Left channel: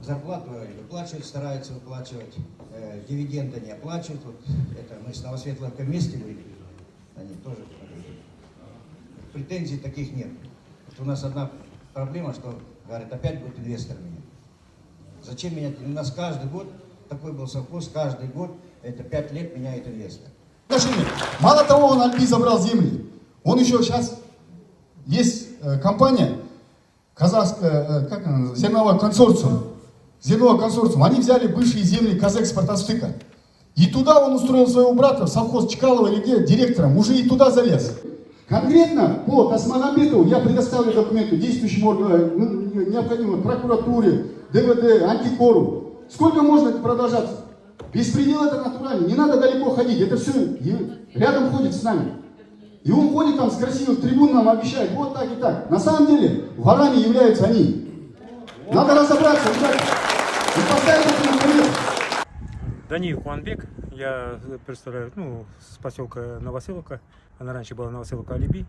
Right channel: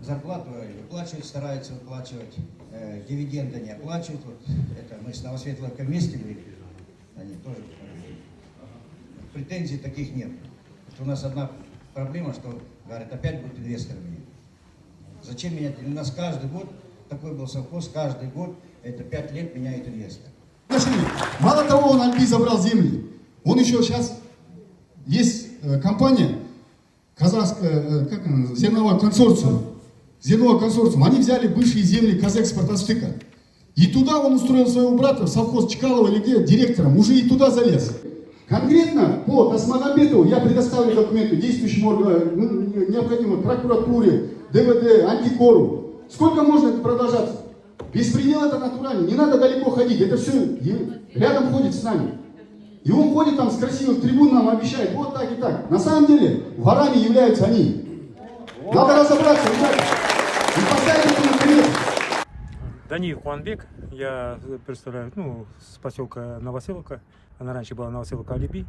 Зарплату выплачивают, стараются выплачивать, дивиденды не оплачивают. Вот это мы с Новосветловкой вместе были, они тоже. Претензий таких нет. Вот у нас одна проблема, что говорят, опять будут инвесторами. Зачем менять? У нас каждый год такой был совхоз, каждый год это 5 лет меняет инвестор. Мало того, он Альби забрал земли, он еще сейчас есть компания казахская, как она, зерновой консорциум. Они взяли бывшие земли Казэкспортастыка. И туда он устроил своего брата, в совхоз Чкалова или где, директором, уже и туда залез. Конкретно по Тасмагамбетову я предоставлю документы действующим органам, необходимо прокуратуре, ДВД, антикору. Сколько можно это продолжаться? Беспредел это натурально, не надо далеко ходить, это все рядом ходит с нами. И он ходит там с красивых трибун, нам обещает, вот так и так. На самом деле, ворами являются они. Надо разобраться, Даниил Куанбек, я представляю, с поселка Новоселовка, она раньше была Новоселовка Алиби.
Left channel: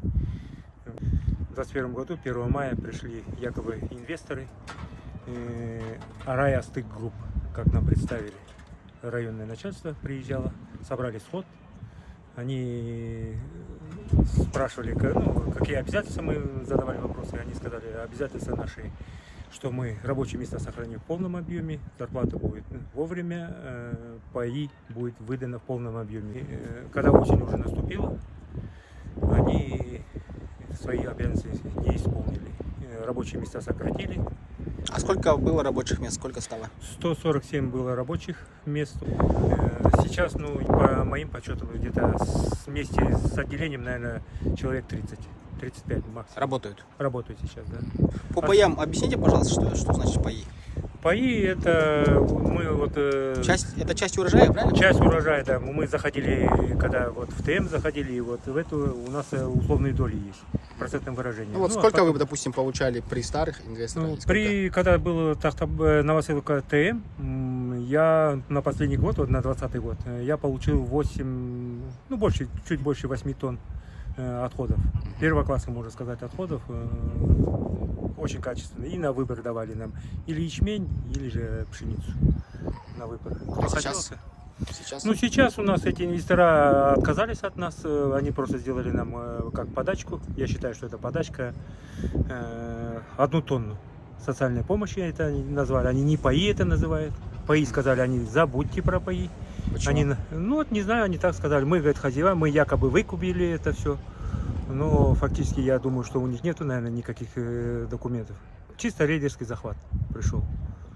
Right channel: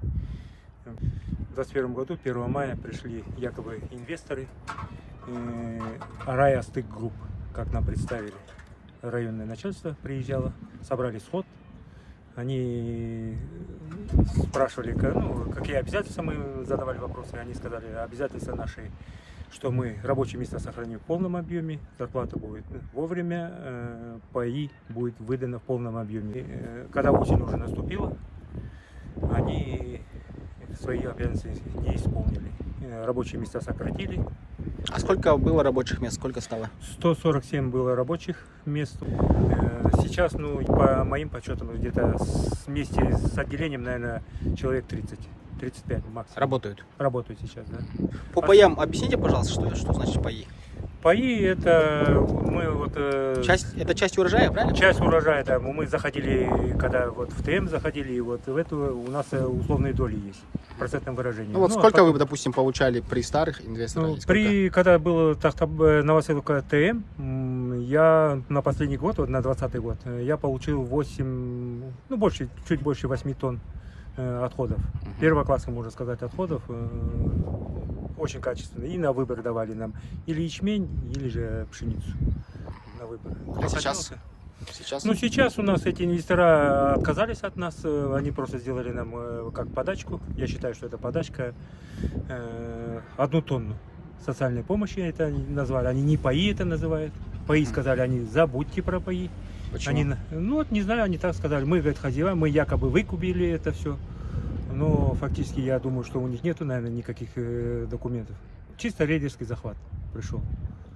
В 2021 году, 1 мая, пришли якобы инвесторы Арай Астык Групп, как нам представили. Районное начальство приезжало, собрали сход. Они спрашивали, какие обязательства, мы задавали вопросы, они сказали, обязательства наши, что мы рабочие места сохраним в полном объеме, зарплата будет вовремя, паи будет выдано в полном объеме. Когда осень уже наступила, они свои обязанности не исполнили. Рабочие места сократили. А сколько было рабочих мест, сколько стало? 147 было рабочих мест. Сейчас, по моим подсчетам, где-то вместе с отделением, наверное, человек 30-35 максимум. Работают? Работают сейчас, да. По паям объясните, пожалуйста, что значит паи? Паи это Это часть урожая, правильно? Часть урожая, да. Мы заходили, когда в ТМ заходили, и в эту у нас условные доли есть в процентном выражении. Сколько вы, допустим, получали при старых инвесторах? Когда был Новоселовка ТМ, я на последний год, на 2020 год, я получил чуть больше 8 тонн отходов. Первого класса, можно сказать, отходов. Очень качественные. И на выбор давали нам или ячмень, или же пшеницу на выбор. Сейчас? Сейчас у нас эти инвестора отказались от нас. Они просто сделали нам как подачку. Я считаю, что это подачка 1 тонну социальной помощи это назвали. Они не паи это называют. Паи сказали, они забудьте про паи. Почему? Они, не знаю, они так сказали. Мы, говорит, хозяева, мы якобы выкупили это все. Но фактически я думаю, что у них нету, наверное, никаких документов. Чисто рейдерский захват пришел.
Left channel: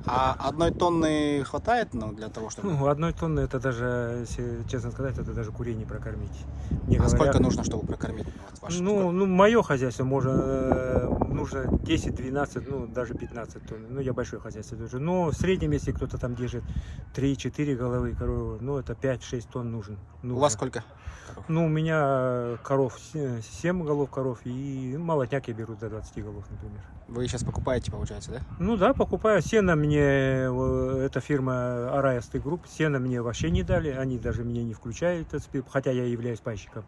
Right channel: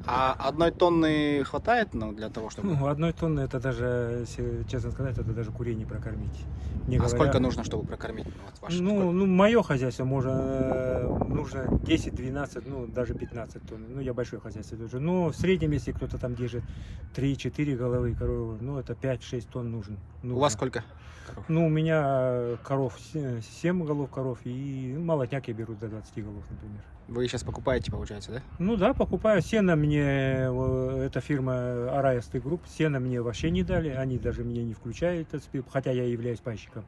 А 1 тонны хватает для того, чтобы... 1 тонны, это даже, если честно сказать, это даже курей не прокормить. Сколько нужно, чтобы прокормить ваше? Мое хозяйство нужно 10-12, даже 15 тонн. Я большое хозяйство держу. Но в среднем, если кто-то там держит 3-4 головы коровы, это 5-6 тонн нужно. У вас сколько коров? У меня коров 7 голов коров, и молотняк я беру до 20 голов, например. Вы сейчас покупаете, получается, да? Да, покупаю. Сено мне, эта фирма Арай Астык Групп, сено мне вообще не дали, они даже меня не включают, хотя я являюсь пайщиком.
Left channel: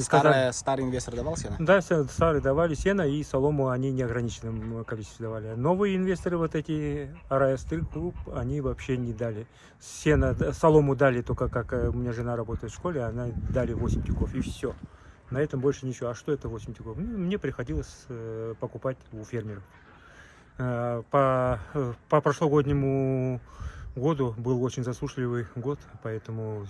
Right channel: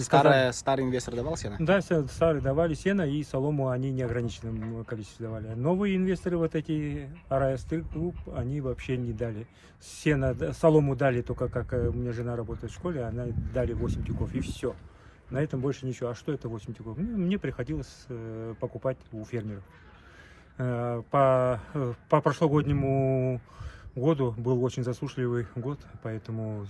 Старый инвестор давал сено? Да, старые давали сено, и солому они в неограниченном количестве давали. Новые инвесторы, эти Арай Астык Групп, они вообще не дали. Солому дали только, как у меня жена работает в школе, она дали 8 тюков, и все. На этом больше ничего. А что это 8 тюков? Мне приходилось покупать у фермеров. По прошлогоднему году был очень засушливый год, поэтому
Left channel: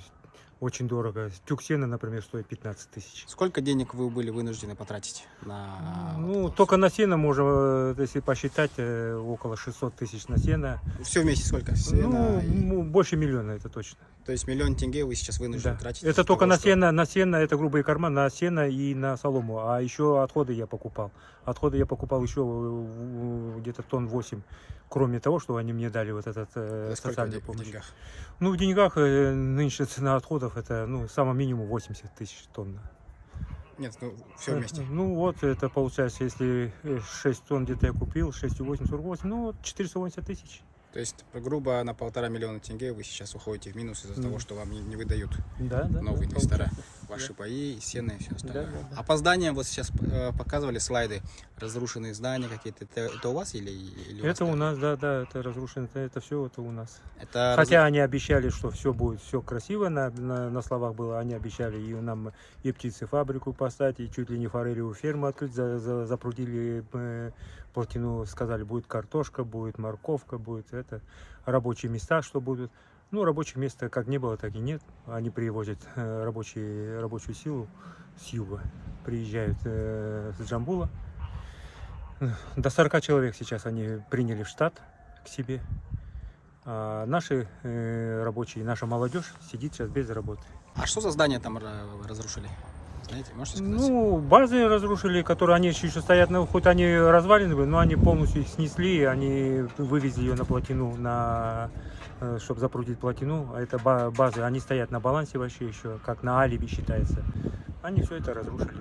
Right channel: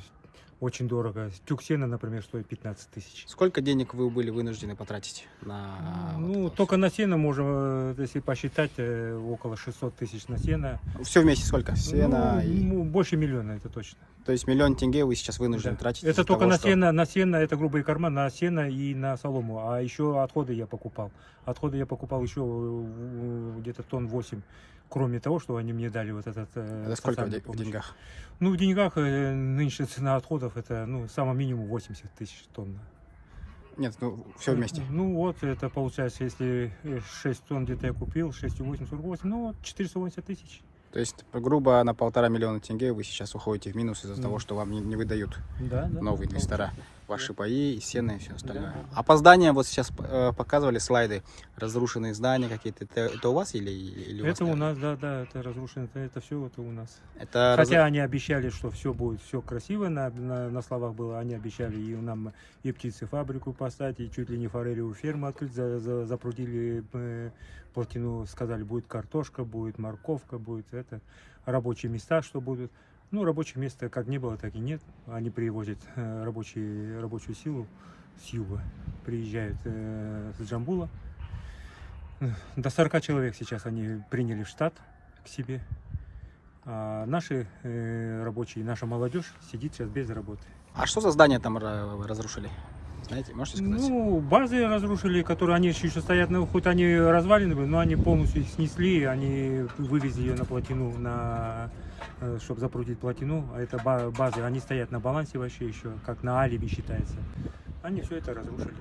очень дорого. Тюк сена, например, стоит 15 тысяч. Сколько денег вы были вынуждены потратить на... Только на сено можно, если посчитать, около 600 тысяч на сено. Все вместе сколько? Сено больше миллиона, это точно. То есть 1 000 000 тенге вы сейчас вынуждены тратить? Это только на сено, это грубые корма, на сено и на солому. А еще отходы я покупал. Отходы я покупал еще где-то тонн 8. Кроме того, что они мне дали сколько в деньгах? В деньгах нынче цена отходов это, самое минимум 80 тысяч тонн. Нет, все вместе. Это получается, если 6 тонн где-то я купил, 6,8, 48, 480 тысяч. То есть, грубо, на 1,5 миллиона тенге вы сейчас уходите в минус из-за того, что вам не выдают новые инвестора. Ваши паи, и сено, и все остальное. Да, да, да. А по зданиям, вот сейчас показывали слайды, разрушенные здания какие-то. Это у вас или у вас? Это у нас, да, да, это разрушено, это все это у нас. Это Хотя они обещали, что все будет все красиво, на словах было, они обещали и нам и птицефабрику поставить, и чуть ли не форелевую ферму открыть, запрудили плотину, сказали, будет картошка, будет морковка, будет это, рабочие места, что будут. Ну, рабочих мест как не было, так и нет. Они привозят рабочую силу с юга, приезжают с Джамбула. До 40 человек сейчас они приняли в штат к себе. А наши рабочие, наша молодежь сидит сейчас без работы. А что за здания там разрушили? Знаете, можете сказать? Ну, базы разрушили, которые они еще стоят, ну, хоть они развалины были, но они полностью их снесли, они вывезли ее на плотину, чтобы запрудить плотину. А это базы, они стоят на балансе вообще еще, как на алиби считается. Они все это разрушили.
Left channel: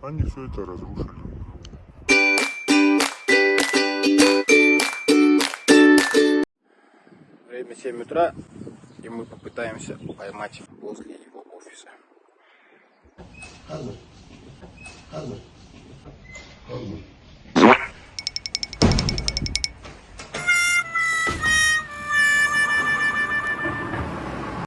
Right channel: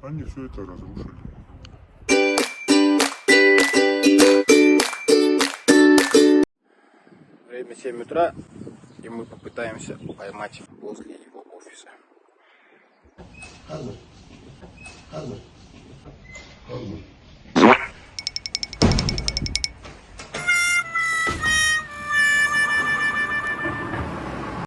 Они все это разрушили. Время 7 утра, и мы попытаемся поймать возле его офиса. Хазар.